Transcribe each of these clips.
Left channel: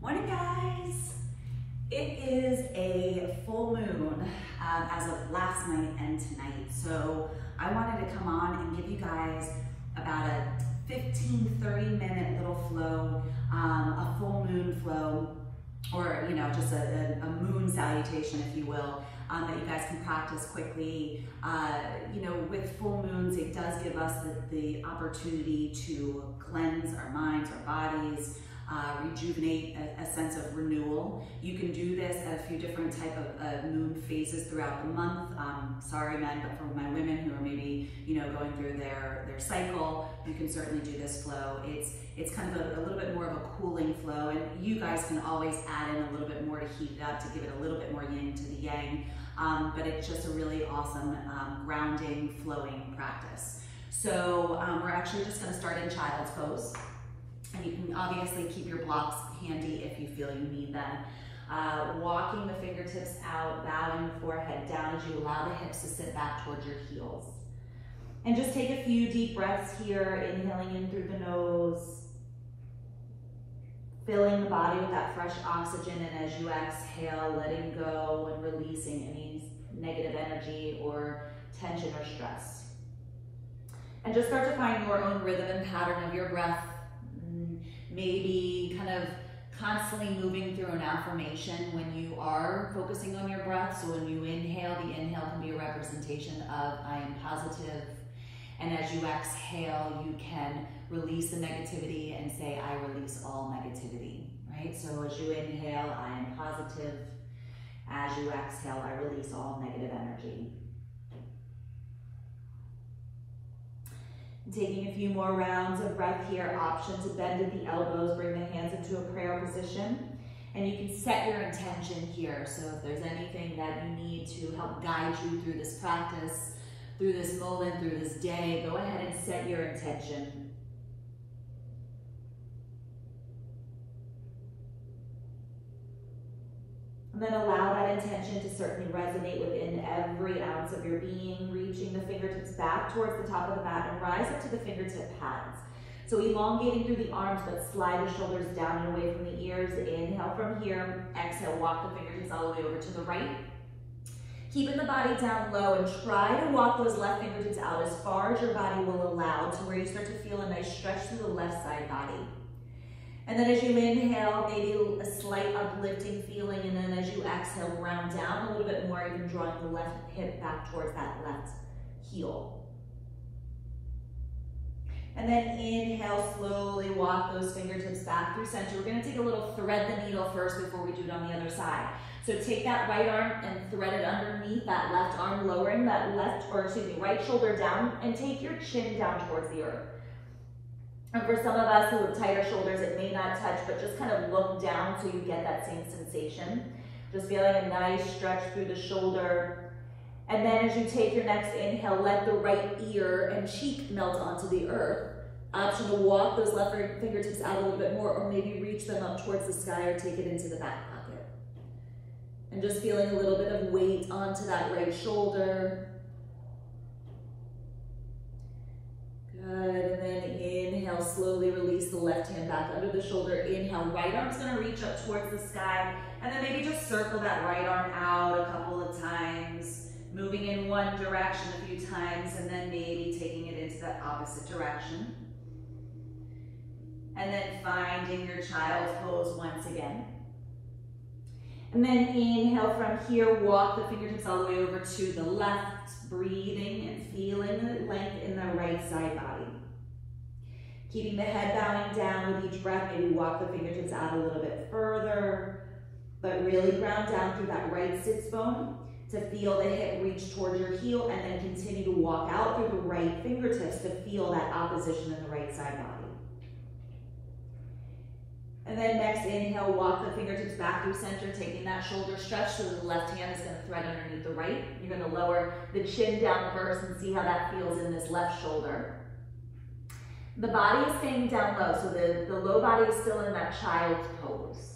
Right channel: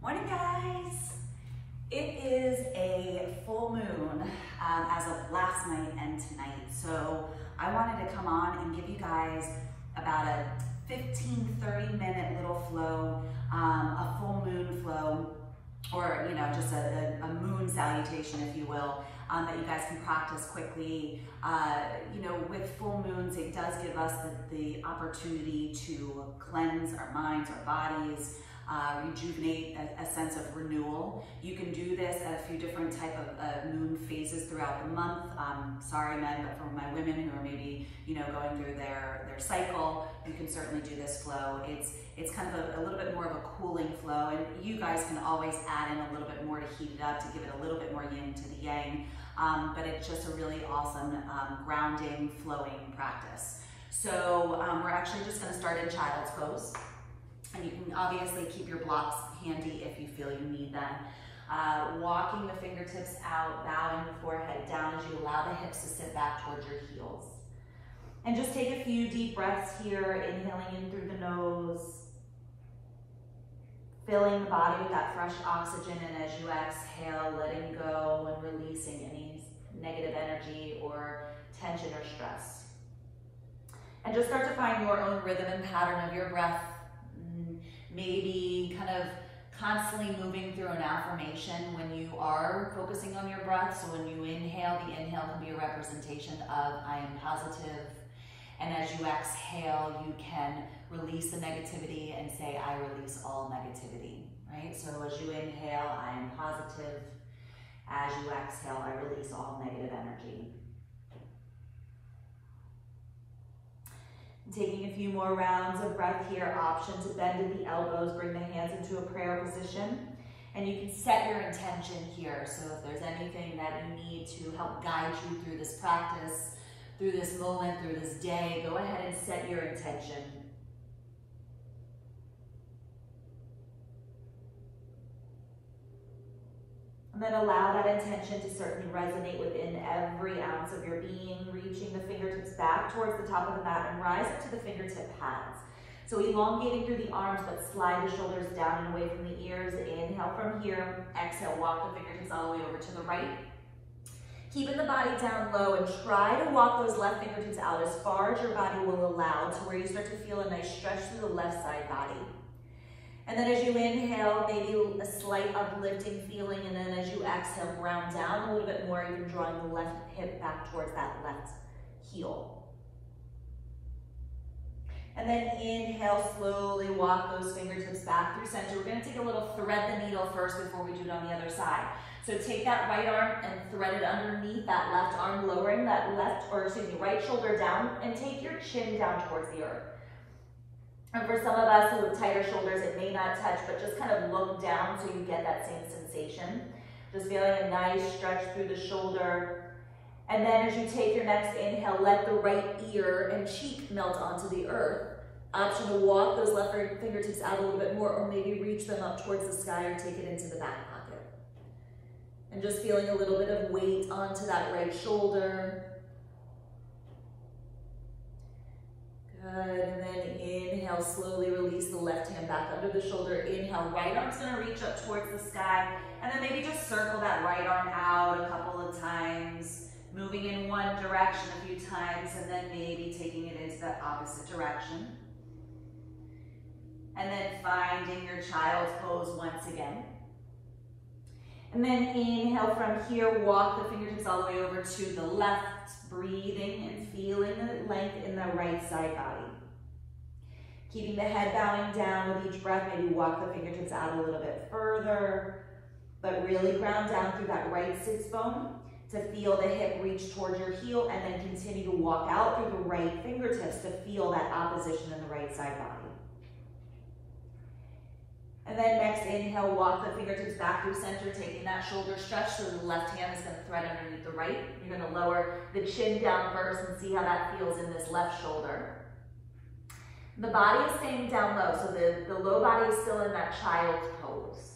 Morning, guys. It is a full moon as of last night and tonight. So I wanted to come on and give you guys about a 15-30 minute little flow, a full moon flow, or just a moon salutation, if you will, that you guys can practice quickly. With full moons, it does give us the opportunity to cleanse our minds, our bodies, rejuvenate, a sense of renewal. You can do this at a few different type of moon phases throughout the month. Sorry men, but for my women who are maybe going through their cycle, you can certainly do this flow. It's kind of a little bit more of a cooling flow, and you guys can always add in a little bit more to heat it up, to give it a little bit more yin to the yang, but it's just a really awesome grounding, flowing practice. So we're actually just going to start in child's pose. And you can obviously keep your blocks handy if you feel you need them. Walking the fingertips out, bowing the forehead down as you allow the hips to sit back towards your heels. And just take a few deep breaths here, inhaling in through the nose, filling the body with that fresh oxygen, and as you exhale, letting go and releasing any negative energy or tension or stress. And just start to find your own rhythm and pattern of your breath. Maybe kind of constantly moving through an affirmation when you are focusing on your breath. So when you inhale, the inhale can be a representation of I am positive. And as you exhale, you can release the negativity and say, I release all negativity, right? So as you inhale, I am positive. As you exhale, I release all negative energy. Taking a few more rounds of breath here, option to bend at the elbows, bring the hands into a prayer position, and you can set your intention here. So if there's anything that you need to help guide you through this practice, through this moment, through this day, go ahead and set your intention. And then allow that intention to certainly resonate within every ounce of your being, reaching the fingertips back towards the top of the mat and rise up to the fingertip pads. So elongating through the arms, but slide the shoulders down and away from the ears. Inhale from here, exhale, walk the fingertips all the way over to the right. Keeping the body down low and try to walk those left fingertips out as far as your body will allow, to where you start to feel a nice stretch through the left side body. And then as you inhale, maybe a slight uplifting feeling, and then as you exhale, ground down a little bit more, even drawing the left hip back towards that left heel. And then inhale, slowly walk those fingertips back through center. We're gonna take a little thread the needle first before we do it on the other side. So take that right arm and thread it underneath that left arm, lowering that right shoulder down, and take your chin down towards the earth. And for some of us who have tighter shoulders, it may not touch, but just kind of look down so you get that same sensation. Just feeling a nice stretch through the shoulder. And then as you take your next inhale, let the right ear and cheek melt onto the earth. Option to walk those left fingertips out a little bit more, or maybe reach them up towards the sky or take it into the back pocket. And just feeling a little bit of weight onto that right shoulder. Good, and then inhale, slowly release the left hand back under the shoulder. Inhale, right arm's gonna reach up towards the sky, and then maybe just circle that right arm out a couple of times, moving in one direction a few times, and then maybe taking it into the opposite direction. And then finding your child's pose once again. And then inhale from here, walk the fingertips all the way over to the left, breathing and feeling the length in the right side body. Keeping the head bowing down with each breath, maybe walk the fingertips out a little bit further, but really ground down through that right sits bone to feel the hip reach towards your heel, and then continue to walk out through the right fingertips to feel that opposition in the right side body. And then next inhale, walk the fingertips back through center, taking that shoulder stretch so the left hand is going to thread underneath the right. You're going to lower the chin down first and see how that feels in this left shoulder. The body is staying down low, so the low body is still in that child's pose.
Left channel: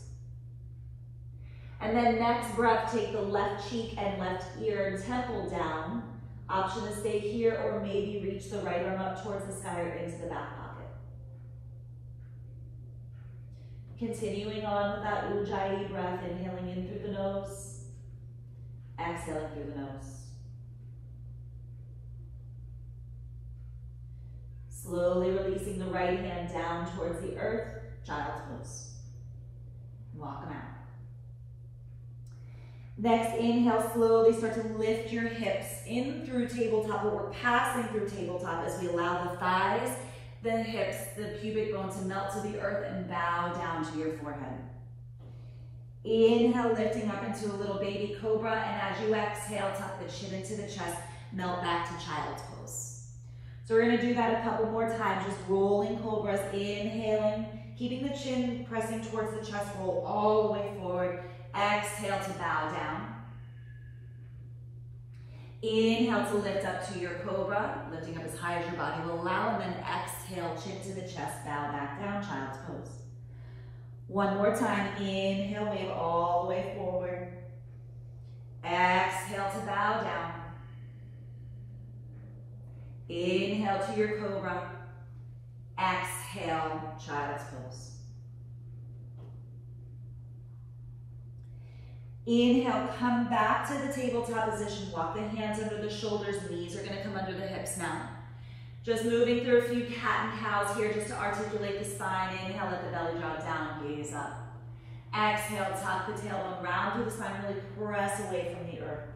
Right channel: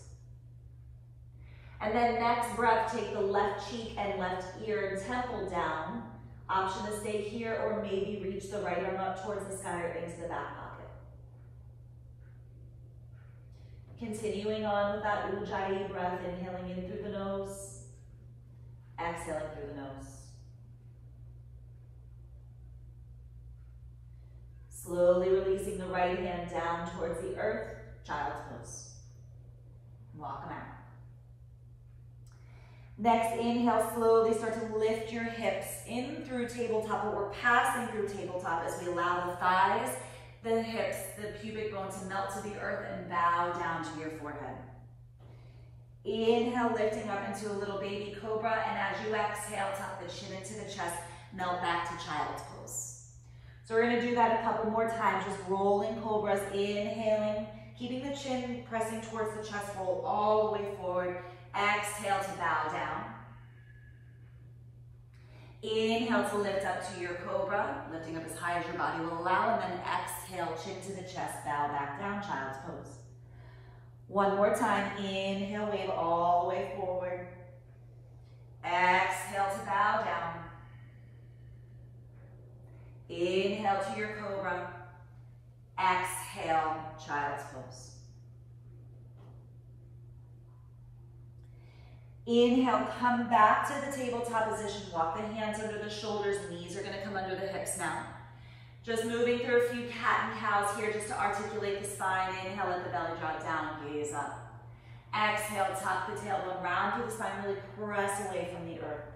And then next breath, take the left cheek and left ear and temple down. Option to stay here, or maybe reach the right arm up towards the sky or into the back pocket. Continuing on with that Ujjayi breath, inhaling in through the nose, exhaling through the nose. Slowly releasing the right hand down towards the earth, child's pose. Walk them out. Next, inhale, slowly start to lift your hips in through tabletop, but we're passing through tabletop as we allow the thighs, the hips, the pubic bone to melt to the earth and bow down to your forehead. Inhale, lifting up into a little baby cobra, and as you exhale, tuck the chin into the chest, melt back to child's pose. So we're gonna do that a couple more times, just rolling cobras, inhaling, keeping the chin pressing towards the chest, roll all the way forward. Exhale to bow down. Inhale to lift up to your cobra, lifting up as high as your body will allow, and then exhale, chin to the chest, bow back down, child's pose. One more time, inhale, wave all the way forward. Exhale to bow down. Inhale to your cobra. Exhale, child's pose. Inhale, come back to the tabletop position. Walk the hands under the shoulders. Knees are going to come under the hips now. Just moving through a few cat and cows here just to articulate the spine. Inhale, let the belly drop down, gaze up. Exhale, tuck the tailbone round through the spine, really press away from the earth.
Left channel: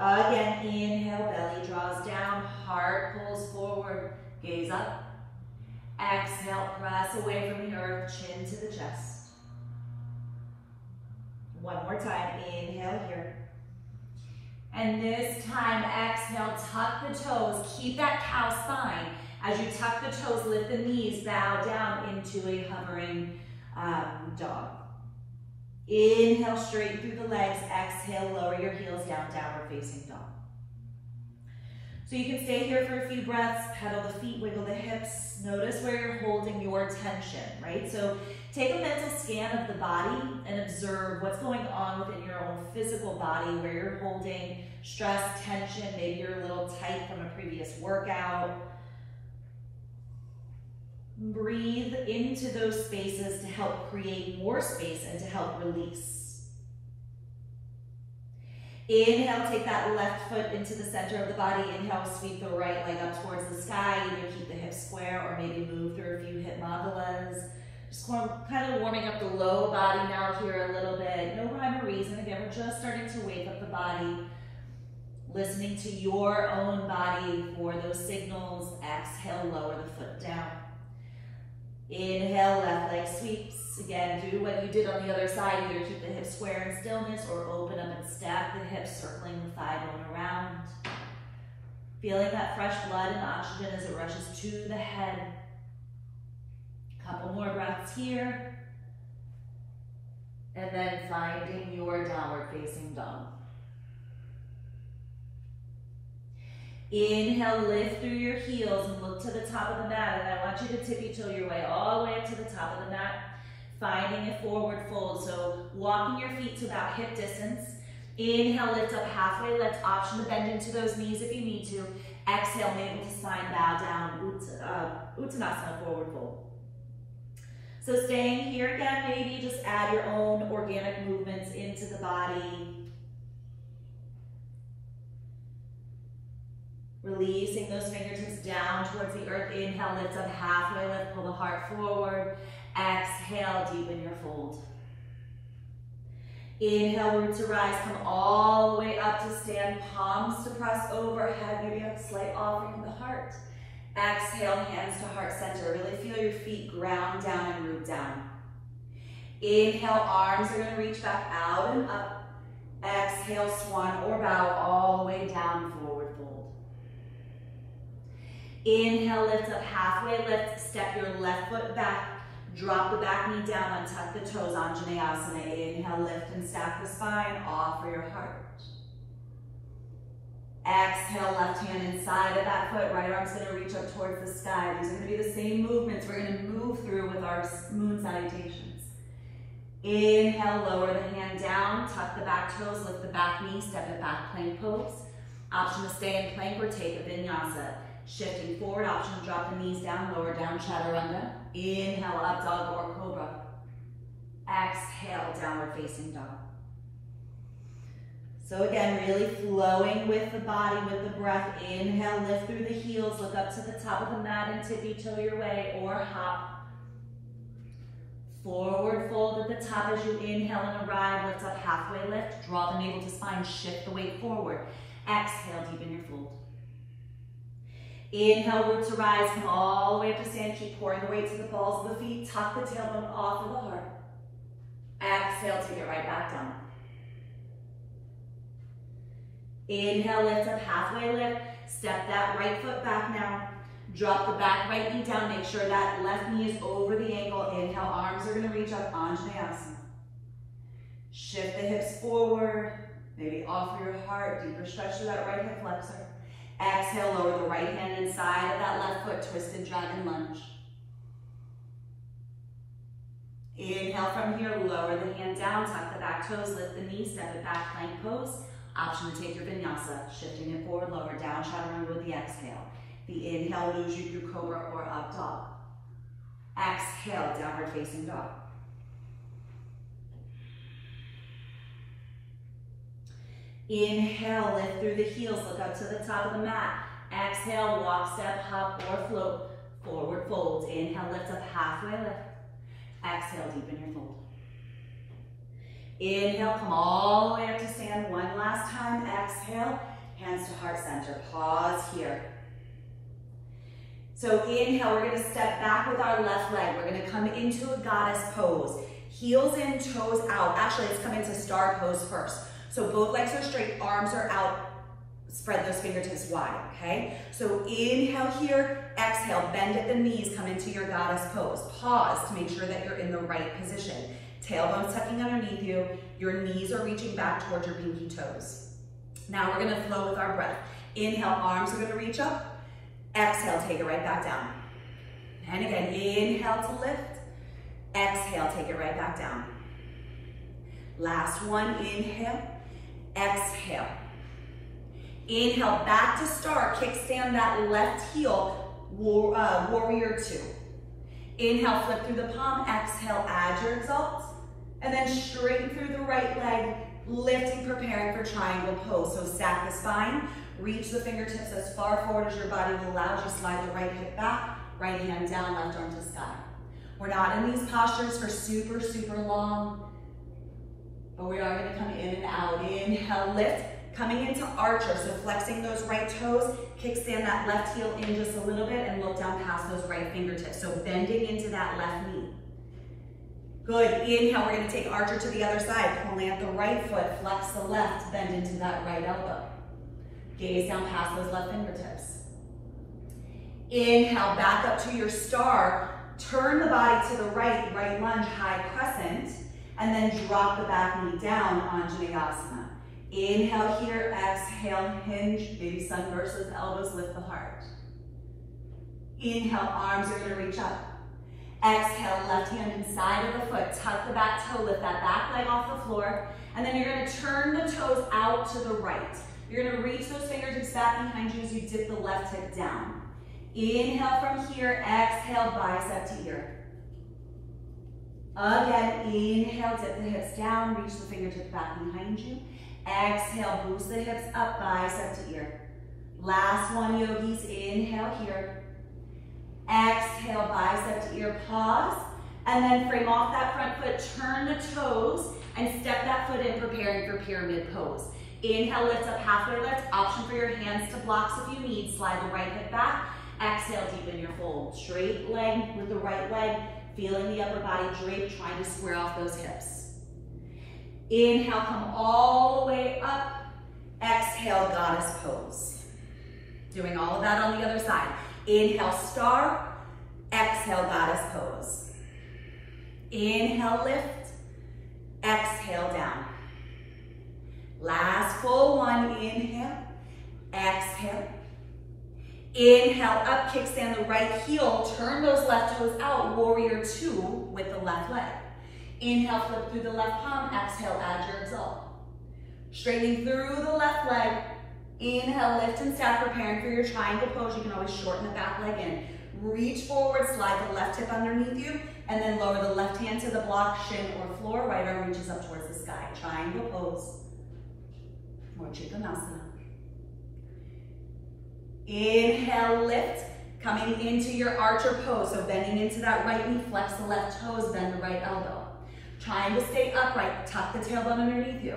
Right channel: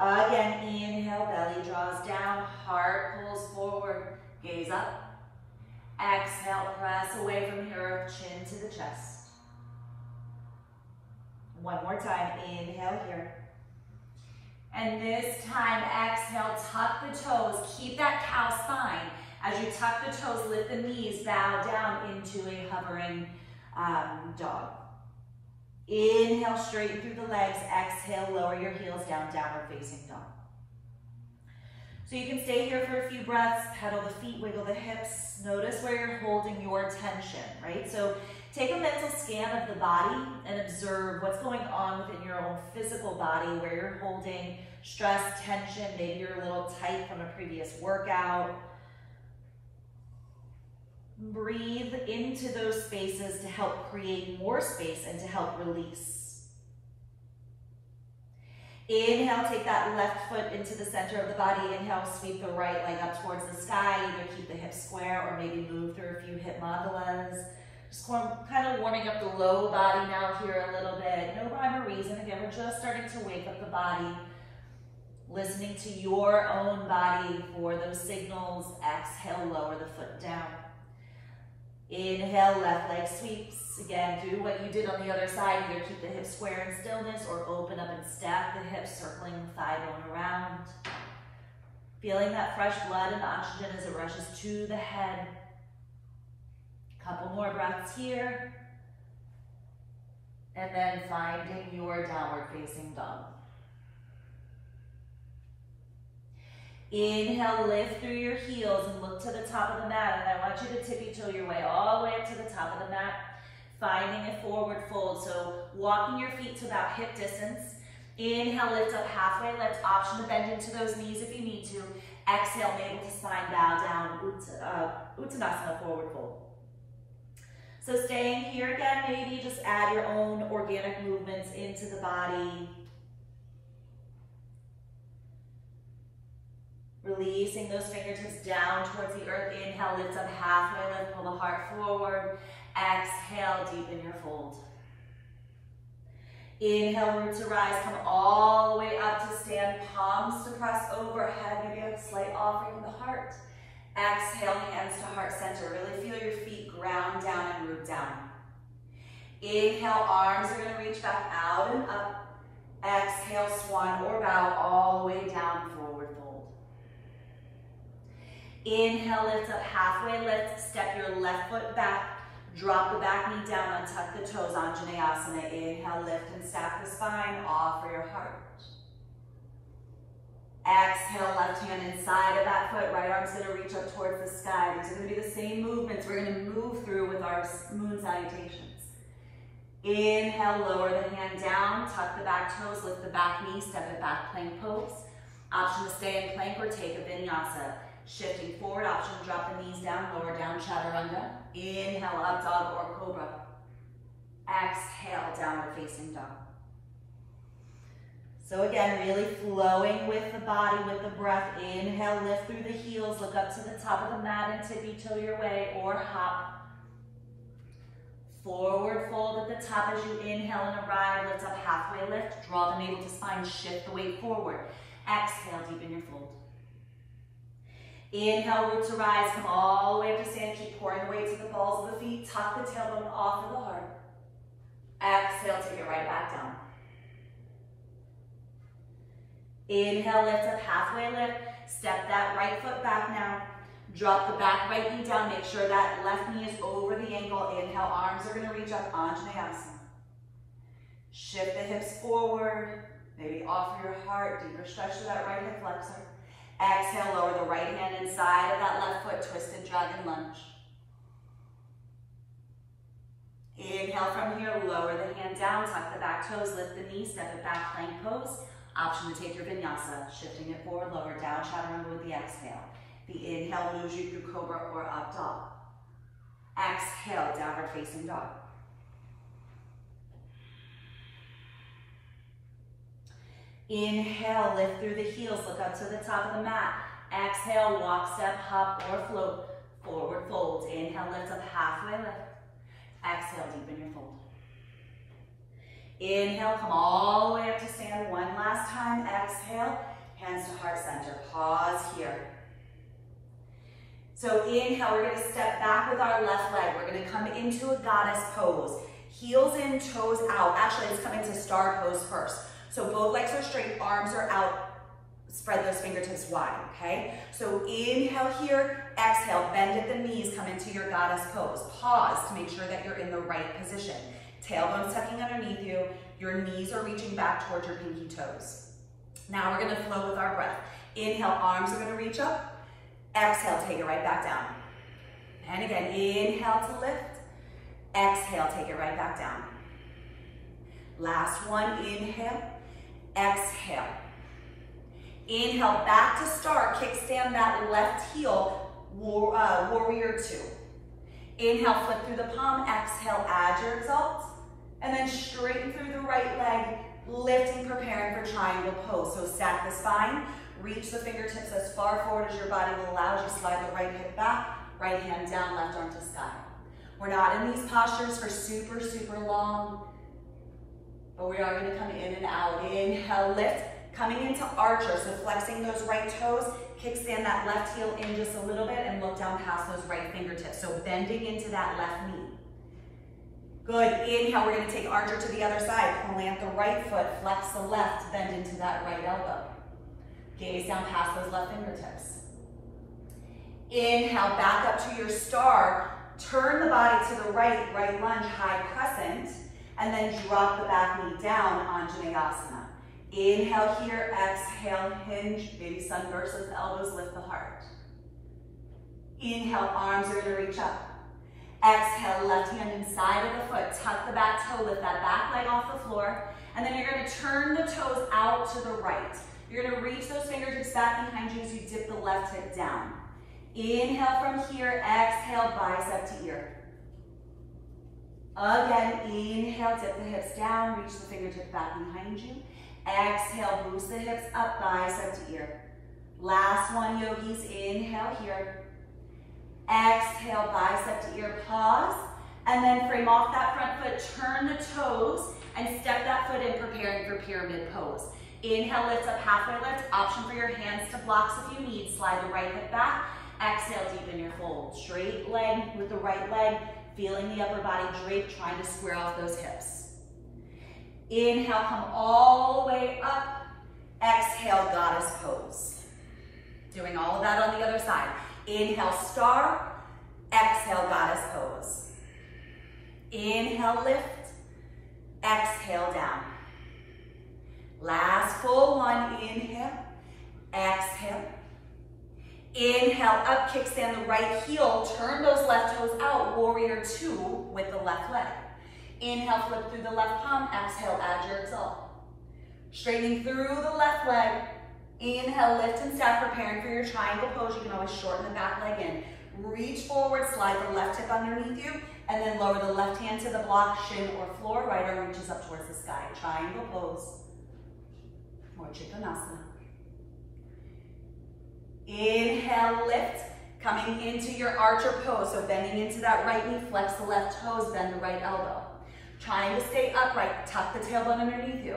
Again, inhale, belly draws down, heart pulls forward, gaze up. Exhale, press away from the earth, chin to the chest. One more time, inhale here. And this time, exhale, tuck the toes, keep that cow spine. As you tuck the toes, lift the knees, bow down into a hovering dog. Inhale, straighten through the legs. Exhale, lower your heels down, downward facing dog. So you can stay here for a few breaths, pedal the feet, wiggle the hips. Notice where you're holding your tension, right? So take a mental scan of the body and observe what's going on within your own physical body, where you're holding stress, tension, maybe you're a little tight from a previous workout. Breathe into those spaces to help create more space and to help release. Inhale, take that left foot into the center of the body. Inhale, sweep the right leg up towards the sky. Either keep the hips square or maybe move through a few hip mandalas. Just kind of warming up the low body now here a little bit. No rhyme or reason. Again, we're just starting to wake up the body. Listening to your own body for those signals. Exhale, lower the foot down. Inhale, left leg sweeps. Again, do what you did on the other side. Either keep the hips square in stillness or open up and stack the hips, circling the thigh bone around. Feeling that fresh blood and oxygen as it rushes to the head. Couple more breaths here. And then finding your downward facing dog. Inhale, lift through your heels and look to the top of the mat. And I want you to tippy-toe your way all the way up to the top of the mat, finding a forward fold. So walking your feet to about hip distance. Inhale, lift up halfway lift. Option to bend into those knees if you need to. Exhale, navel to spine, bow down, Uttanasana, forward fold. So staying here again, maybe just add your own organic movements into the body. Releasing those fingertips down towards the earth. Inhale, lift up halfway lift, pull the heart forward. Exhale, deepen your fold. Inhale, root to rise, come all the way up to stand, palms to press overhead, maybe a slight offering of the heart. Exhale, hands to heart center. Really feel your feet ground down and root down. Inhale, arms are gonna reach back out and up. Exhale, swan or bow all the way down, forward fold. Inhale, lift up halfway lift, step your left foot back, drop the back knee down, untuck the toes, Anjaneyasana. Inhale, lift and stack the spine, offer your heart. Exhale, left hand inside of that foot, right arm's gonna reach up towards the sky. These are gonna be the same movements we're gonna move through with our moon salutations. Inhale, lower the hand down, tuck the back toes, lift the back knee, step it back, plank pose. Option to stay in plank or take a vinyasa. Shifting forward, option to drop the knees down, lower down, chaturanga. Inhale, up dog or cobra. Exhale, downward facing dog. So again, really flowing with the body, with the breath. Inhale, lift through the heels, look up to the top of the mat and tippy-toe your way or hop. Forward fold at the top as you inhale and arrive. Lift up, halfway lift. Draw the navel to spine, shift the weight forward. Exhale, deepen your fold. Inhale, root to rise. Come all the way up to stand. Keep pouring the weight to the balls of the feet. Tuck the tailbone off of the heart. Exhale, take it right back down. Inhale, lift up, halfway lift. Step that right foot back now. Drop the back right knee down. Make sure that left knee is over the ankle. Inhale, arms are going to reach up, Anjaneyasana. Shift the hips forward. Maybe offer your heart. Deeper stretch to that right hip flexor. Exhale, lower the right hand inside of that left foot. Twisted dragon lunge. Inhale from here. Lower the hand down. Tuck the back toes. Lift the knee. Step it back. Plank pose. Option to take your vinyasa. Shifting it forward, lower. Down chaturanga with the exhale. The inhale moves you through cobra or up dog. Exhale, downward facing dog. Inhale, lift through the heels, look up to the top of the mat. Exhale, walk, step, hop, or float. Forward fold. Inhale, lift up, halfway lift. Exhale, deepen your fold. Inhale, come all the way up to stand one last time. Exhale, hands to heart center. Pause here. So inhale, we're going to step back with our left leg. We're going to come into a goddess pose. Heels in, toes out. Actually, let's come into star pose first. So both legs are straight, arms are out. Spread those fingertips wide, okay? So inhale here, exhale, bend at the knees, come into your goddess pose. Pause to make sure that you're in the right position. Tailbone's tucking underneath you. Your knees are reaching back towards your pinky toes. Now we're going to flow with our breath. Inhale, arms are going to reach up. Exhale, take it right back down. And again, inhale to lift. Exhale, take it right back down. Last one, inhale. Exhale. Inhale, back to start. Kickstand that left heel, warrior two. Inhale, flip through the palm. Exhale, add your exalt. And then straighten through the right leg, lifting, preparing for triangle pose. So stack the spine. Reach the fingertips as far forward as your body will allow as you slide the right hip back, right hand down, left arm to sky. We're not in these postures for super, super long, but we are going to come in and out. Inhale, lift, coming into archer, so flexing those right toes, kickstand that left heel in just a little bit and look down past those right fingertips. So bending into that left knee. Good, inhale, we're going to take archer to the other side, plant the right foot, flex the left, bend into that right elbow. Gaze down past those left fingertips. Inhale, back up to your star. Turn the body to the right, right lunge, high crescent, and then drop the back knee down, Anjaneyasana. Inhale here, exhale, hinge, baby sun versus elbows, lift the heart. Inhale, arms are gonna reach up. Exhale, left hand inside of the foot, tuck the back toe, lift that back leg off the floor, and then you're gonna turn the toes out to the right. You're gonna reach those fingertips back behind you as you dip the left hip down. Inhale from here, exhale, bicep to ear. Again, inhale, dip the hips down, reach the fingertips back behind you. Exhale, boost the hips up, bicep to ear. Last one, yogis, inhale here. Exhale, bicep to ear, pause, and then frame off that front foot, turn the toes, and step that foot in, preparing for pyramid pose. Inhale, lift up, halfway lift. Option for your hands to blocks if you need. Slide the right hip back. Exhale, deepen your fold. Straight leg with the right leg, feeling the upper body drape, trying to square off those hips. Inhale, come all the way up. Exhale, goddess pose. Doing all of that on the other side. Inhale, star. Exhale, goddess pose. Inhale, lift. Exhale, down. Last full one, inhale, exhale. Inhale, up, kickstand the right heel, turn those left toes out, warrior two with the left leg. Inhale, flip through the left palm, exhale, add your exalt. Straightening through the left leg, inhale, lift and step, preparing for your triangle pose. You can always shorten the back leg in. Reach forward, slide the left hip underneath you, and then lower the left hand to the block, shin or floor. Right arm reaches up towards the sky. Triangle pose or Trikonasana. Inhale, lift. Coming into your archer pose, so bending into that right knee, flex the left toes, bend the right elbow. Trying to stay upright, tuck the tailbone underneath you.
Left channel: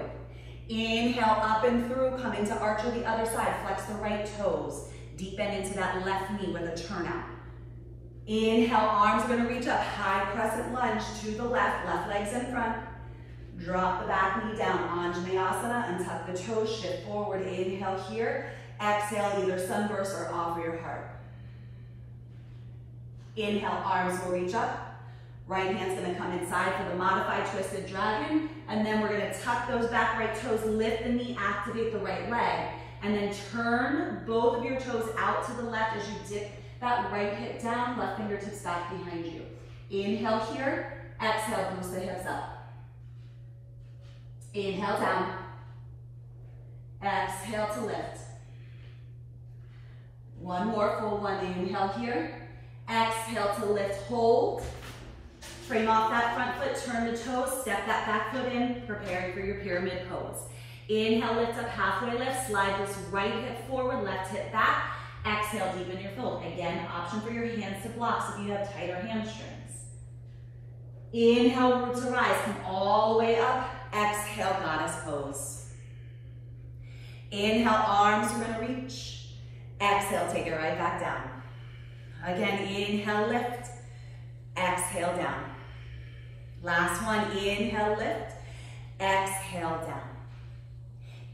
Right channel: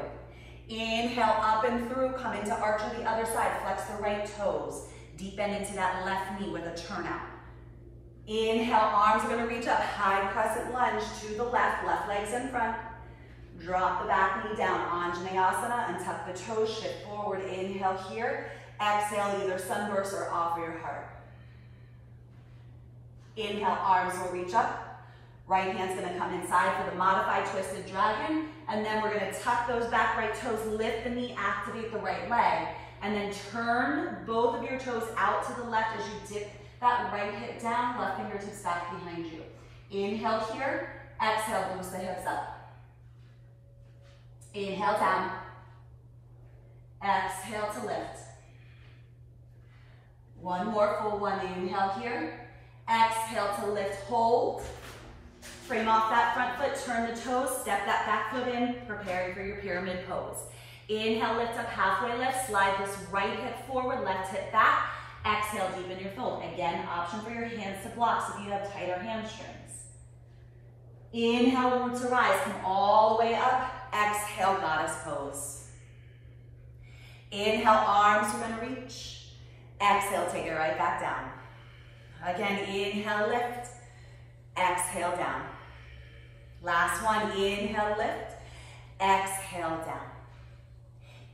Inhale, up and through, come into archer the other side, flex the right toes. Deep bend into that left knee with a turnout. Inhale, arms are gonna reach up, high crescent lunge to the left leg's in front. Drop the back knee down, Anjaneyasana, and tuck the toes, shift forward. Inhale here, exhale, either sunburst or offer your heart. Inhale, arms will reach up. Right hand's gonna come inside for the modified twisted dragon. And then we're gonna tuck those back right toes, lift the knee, activate the right leg. And then turn both of your toes out to the left as you dip that right hip down, left fingertips back behind you. Inhale here, exhale, boost the hips up. Inhale down. Exhale to lift. One more full one, inhale here. Exhale to lift, hold. Frame off that front foot, turn the toes, step that back foot in, preparing for your pyramid pose. Inhale, lift up, halfway lift, slide this right hip forward, left hip back. Exhale, deepen your fold. Again, option for your hands to block if you have tighter hamstrings. Inhale, root to rise, come all the way up. Exhale, goddess pose. Inhale, arms are gonna reach. Exhale, take it right back down. Again, inhale, lift. Exhale, down. Last one, inhale, lift. Exhale, down.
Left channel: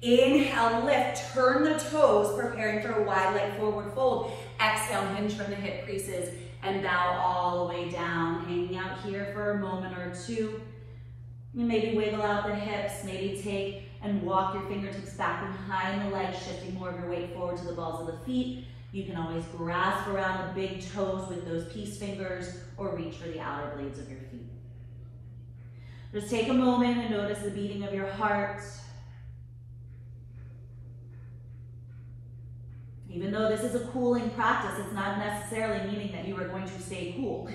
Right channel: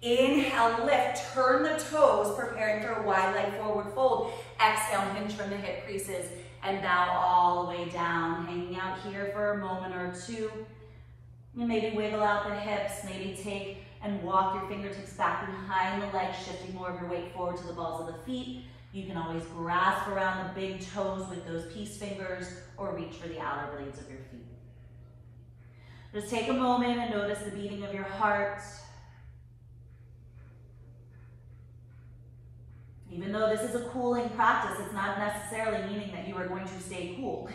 Inhale, lift, turn the toes, preparing for a wide leg forward fold. Exhale, hinge from the hip creases and bow all the way down. Hanging out here for a moment or two. And maybe wiggle out the hips, maybe take and walk your fingertips back behind the legs, shifting more of your weight forward to the balls of the feet. You can always grasp around the big toes with those peace fingers or reach for the outer blades of your feet. Just take a moment and notice the beating of your heart. Even though this is a cooling practice, it's not necessarily meaning that you are going to stay cool.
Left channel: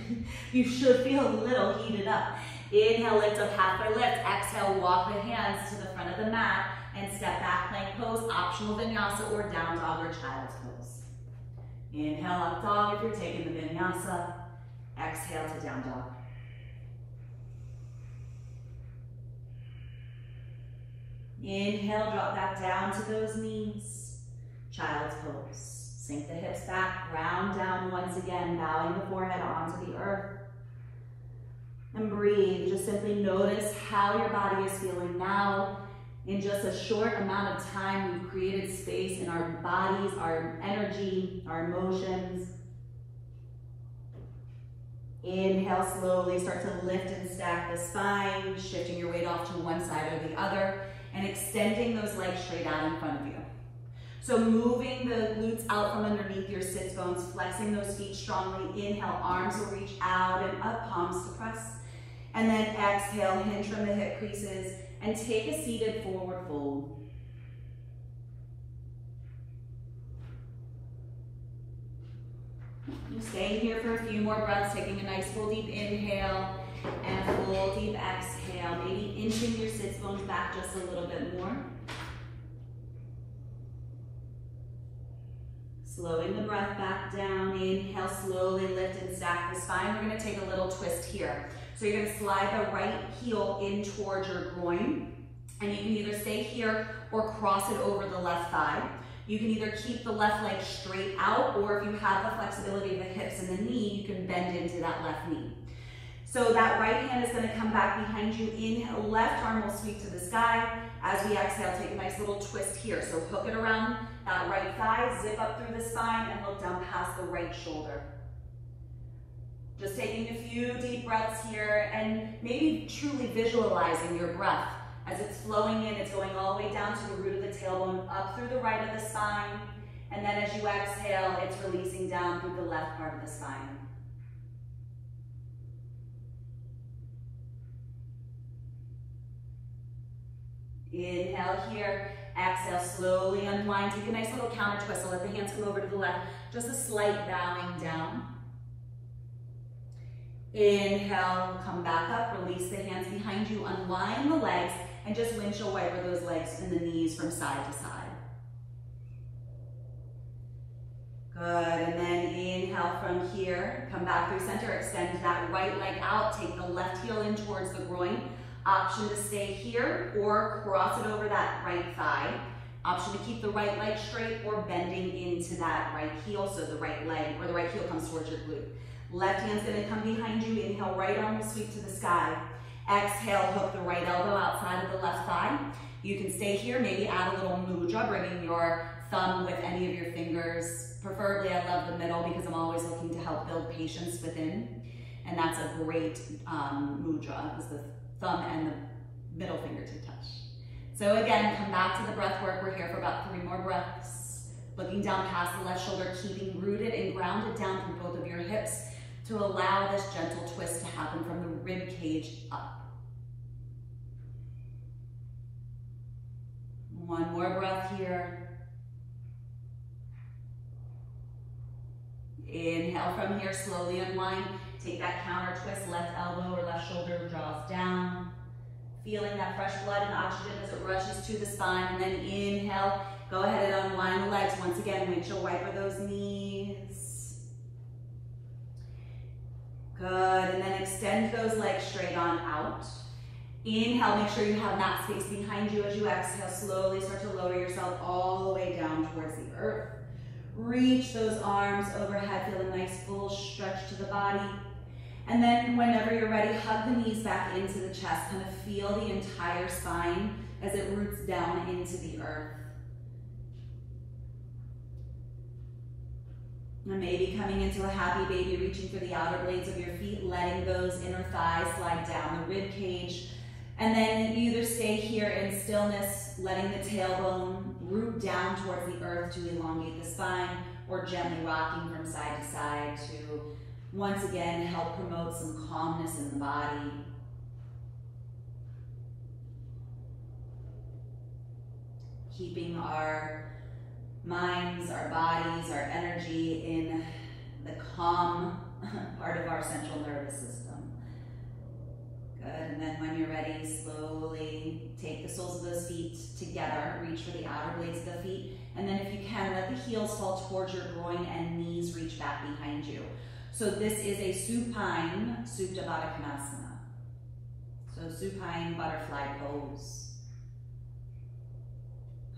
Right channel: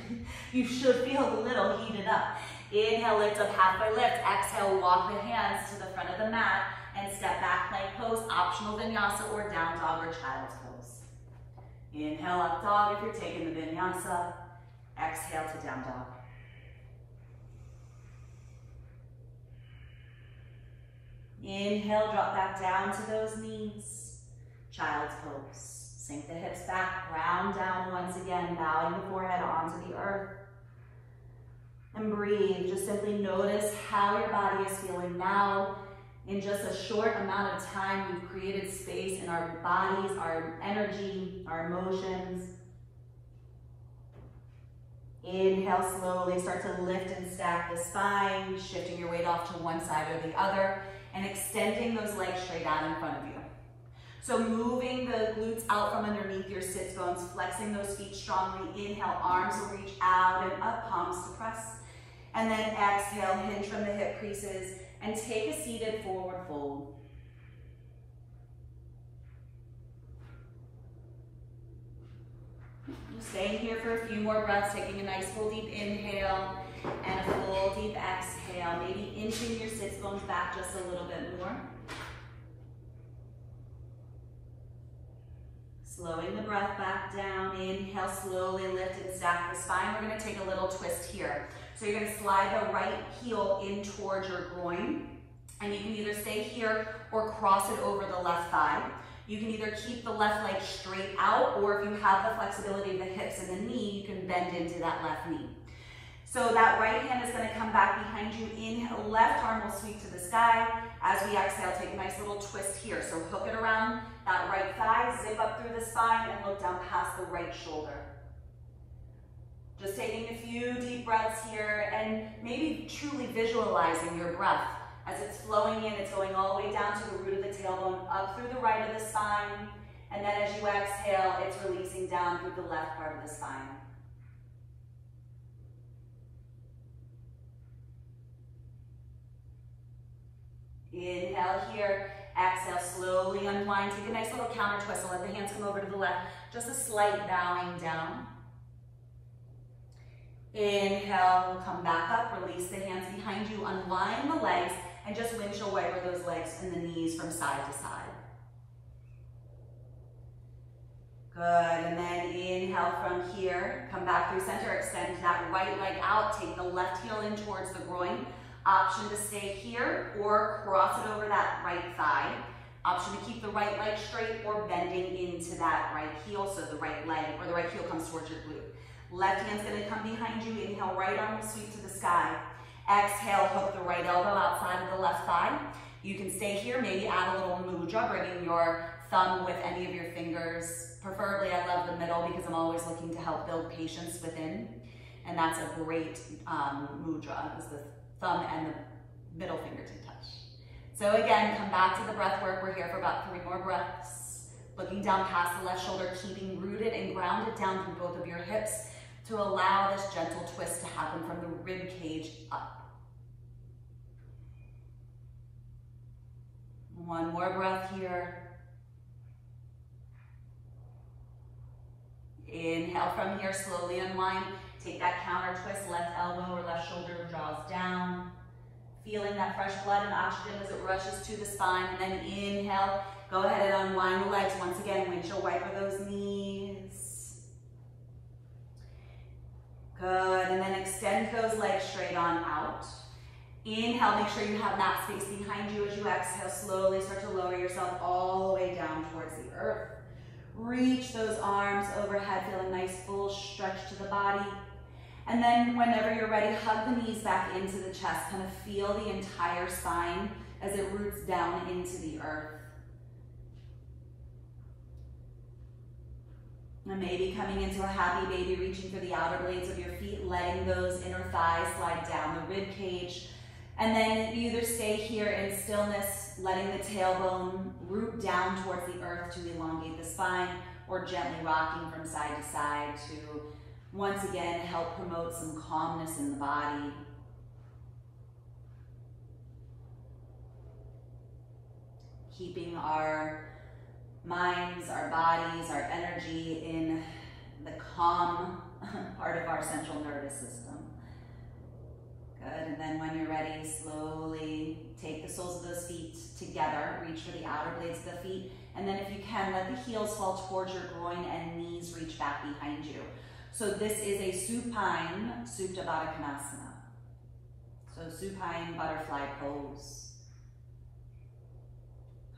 You should feel a little heated up. Inhale, lift up, halfway lift. Exhale, walk the hands to the front of the mat and step back, plank pose, optional vinyasa or down dog or child's pose. Inhale, up dog if you're taking the vinyasa. Exhale to down dog. Inhale, drop back down to those knees. Child's pose. Sink the hips back, round down once again, bowing the forehead onto the earth. And breathe. Just simply notice how your body is feeling now. In just a short amount of time, we've created space in our bodies, our energy, our emotions. Inhale, slowly start to lift and stack the spine, shifting your weight off to one side or the other, and extending those legs straight out in front of you. So moving the glutes out from underneath your sits bones, flexing those feet strongly. Inhale, arms will reach out and up, palms to press. And then exhale, hinge from the hip creases, and take a seated forward fold. Staying here for a few more breaths, taking a nice full deep inhale and a full deep exhale. Maybe inching your sits bones back just a little bit more. Slowing the breath back down. Inhale, slowly lift and stack the spine. We're gonna take a little twist here. So you're gonna slide the right heel in towards your groin, and you can either stay here or cross it over the left thigh. You can either keep the left leg straight out, or if you have the flexibility of the hips and the knee, you can bend into that left knee. So that right hand is gonna come back behind you. Inhale, left arm will sweep to the sky. As we exhale, take a nice little twist here. So hook it around that right thigh, zip up through the spine, and look down past the right shoulder. Just taking a few deep breaths here and maybe truly visualizing your breath. As it's flowing in, it's going all the way down to the root of the tailbone, up through the right of the spine. And then as you exhale, it's releasing down through the left part of the spine. Inhale here, exhale, slowly unwind. Take a nice little counter twist. So let the hands come over to the left. Just a slight bowing down. Inhale, come back up, release the hands behind you, unwind the legs, and just windshield wiper those legs and the knees from side to side. Good, and then inhale from here, come back through center, extend that right leg out, take the left heel in towards the groin. Option to stay here or cross it over that right thigh. Option to keep the right leg straight or bending into that right heel so the right leg or the right heel comes towards your glute. Left hand's gonna come behind you, inhale, right arm will sweep to the sky. Exhale, hook the right elbow outside of the left thigh. You can stay here, maybe add a little mudra, bringing your thumb with any of your fingers. Preferably, I love the middle because I'm always looking to help build patience within. And that's a great mudra because the thumb and the middle finger to touch. So again, come back to the breath work. We're here for about 3 more breaths. Looking down past the left shoulder, keeping rooted and grounded down through both of your hips to allow this gentle twist to happen from the rib cage up. One more breath here. Inhale from here, slowly unwind. Take that counter twist, left elbow or left shoulder draws down. Feeling that fresh blood and oxygen as it rushes to the spine. And then inhale, go ahead and unwind the legs. Once again, windshield wiper those knees. Good, and then extend those legs straight on out. Inhale, make sure you have mat space behind you as you exhale. Slowly start to lower yourself all the way down towards the earth. Reach those arms overhead, feel a nice full stretch to the body. And then whenever you're ready, hug the knees back into the chest. Kind of feel the entire spine as it roots down into the earth. And maybe coming into a happy baby, reaching for the outer blades of your feet, letting those inner thighs slide down the rib cage. And then you either stay here in stillness, letting the tailbone root down towards the earth to elongate the spine, or gently rocking from side to side to, once again, help promote some calmness in the body. Keeping our minds, our bodies, our energy in the calm part of our central nervous system. Good, and then when you're ready, slowly take the soles of those feet together, reach for the outer blades of the feet, and then if you can, let the heels fall towards your groin and knees reach back behind you. So this is a supine Supta Baddha Konasana. So supine butterfly pose.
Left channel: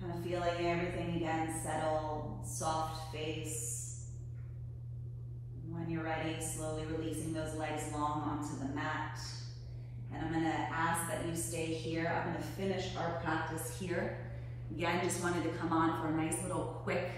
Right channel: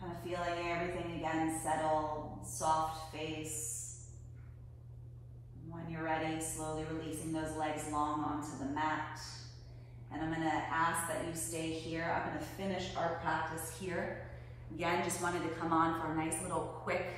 Kind of feeling everything again settle, soft face. When you're ready, slowly releasing those legs long onto the mat. And I'm gonna ask that you stay here. I'm gonna finish our practice here. Again, just wanted to come on for a nice little quick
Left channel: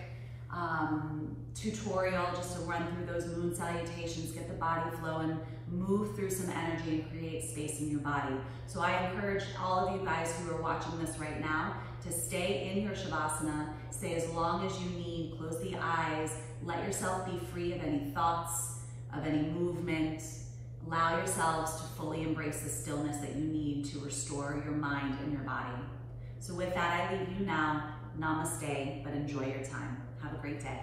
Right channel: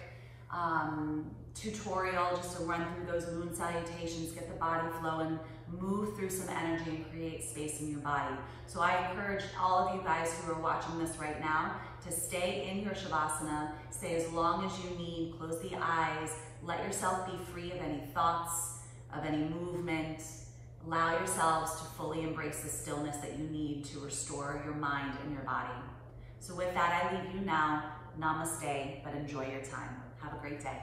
tutorial just to run through those moon salutations, get the body flowing, move through some energy and create space in your body. So I encourage all of you guys who are watching this right now to stay in your Shavasana, stay as long as you need, close the eyes, let yourself be free of any thoughts, of any movement. Allow yourselves to fully embrace the stillness that you need to restore your mind and your body. So with that, I leave you now. Namaste, but enjoy your time. Have a great day.